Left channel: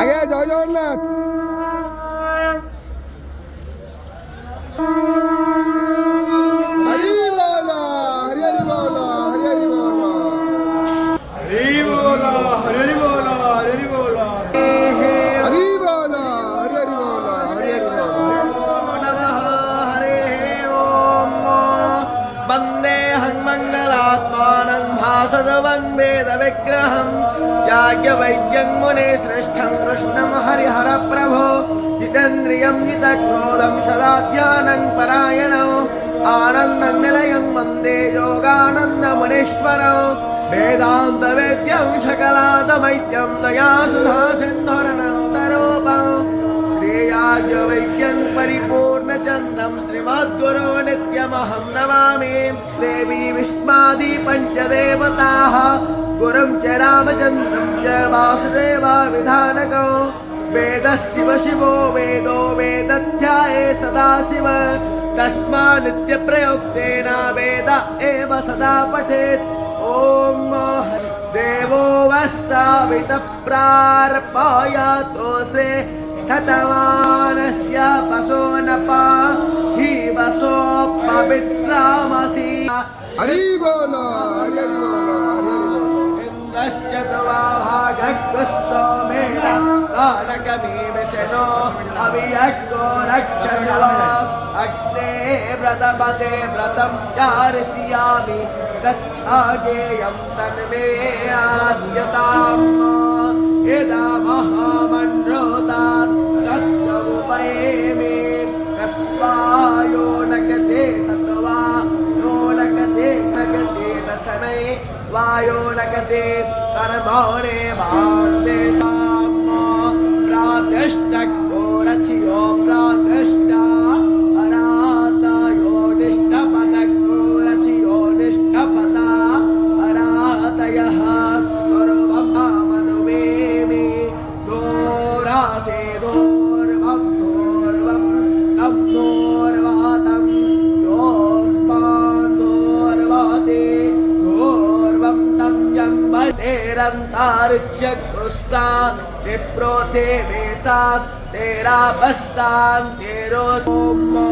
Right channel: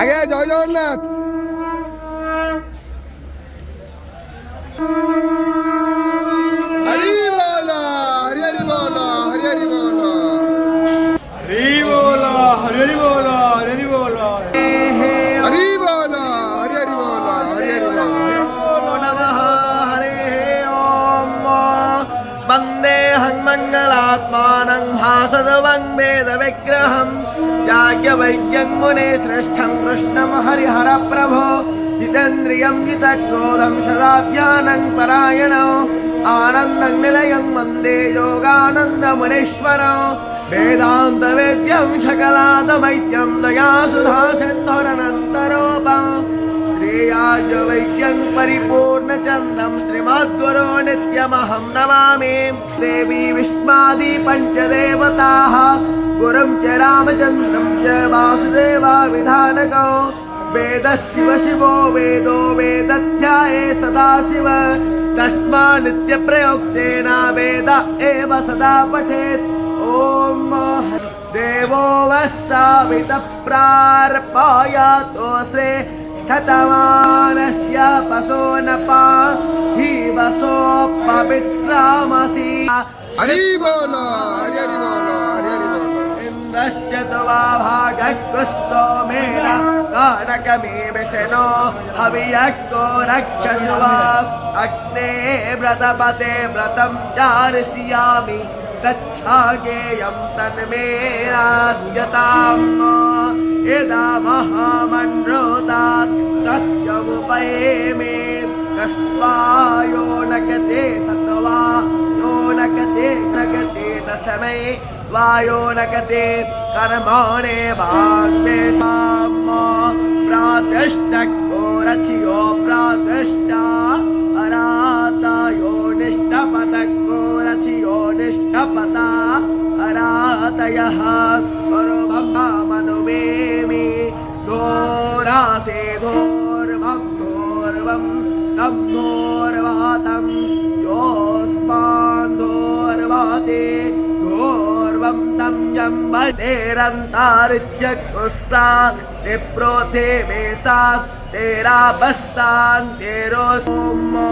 আগে জয় জগন্নাথ। হরি বল, হরি হরি বল, হরি হরি বল, হরি বল, হরি বল, হরি বল, হরি বল, হরি হরি বল, হরি হরি বল। वन्देऽहं मङ्गलात्मानं भासदवं वेदविग्रहं याज्ञवल्क्यं मुनिश्रेष्ठं कृष्णं हरिहरप्रभो जितेन्द्रियं जितक्रोधं सदाज्ञानं परायणं आनन्दं निलयं वन्दे योगानन्दमुनीश्वरं वेदान्तवेद्यं सकलादवैद्यं दयासुधासिन्धुरनन्तरूपं श्रीयाज्ञवल्क्यं परिपूर्णचन्द्रं श्रीमद्गुरो नित्यमहं नमामि। देवी विष्मादि पञ्चदेवताः गुरुं च रामचन्द्रं च वासुदेवाविधानकौ वेदः शिव शिवो वेदो वेदध्याये सदाशिव तस्मान्नित्यप्रयोक्तेन वेद एव सदा पठेत्। ॐ देवो वस्सावितः प्रार्पयातोऽस्ते ठतमानस्य पशो न पाहि वसो पवित्रामसि। हरि बोल, हरि हरि बोल, हरि हरि बोल। इन्द्रश्च तवा भागः तारकमीमिषनो अवियक्को रक्षसव अग्ने व्रतपते व्रतं चारयिष्यामि तच्छागेयं तन्मे आद्यताम् यदा महामन्त्रोतात् सत्यमुपैमि कस्मायो नगते सत्वा यो नगते नगते दशमे वायो नगते कर्माणे भाग्ये साम प्रातिष्ठको रचियो प्रातिष्ठा अरातयो निष्ठपतको रचियो निष्ठपता अरातयः मनुमेमि घोरासे घोर्वं घोर्वं तं घोर्वातं योऽस्मान् घोर्वाते घोर्वं तं जम्बतेरन्तार्च्यकुस्सा विप्रो ते वेसात् तेरा बस्तान् तेरो सोमो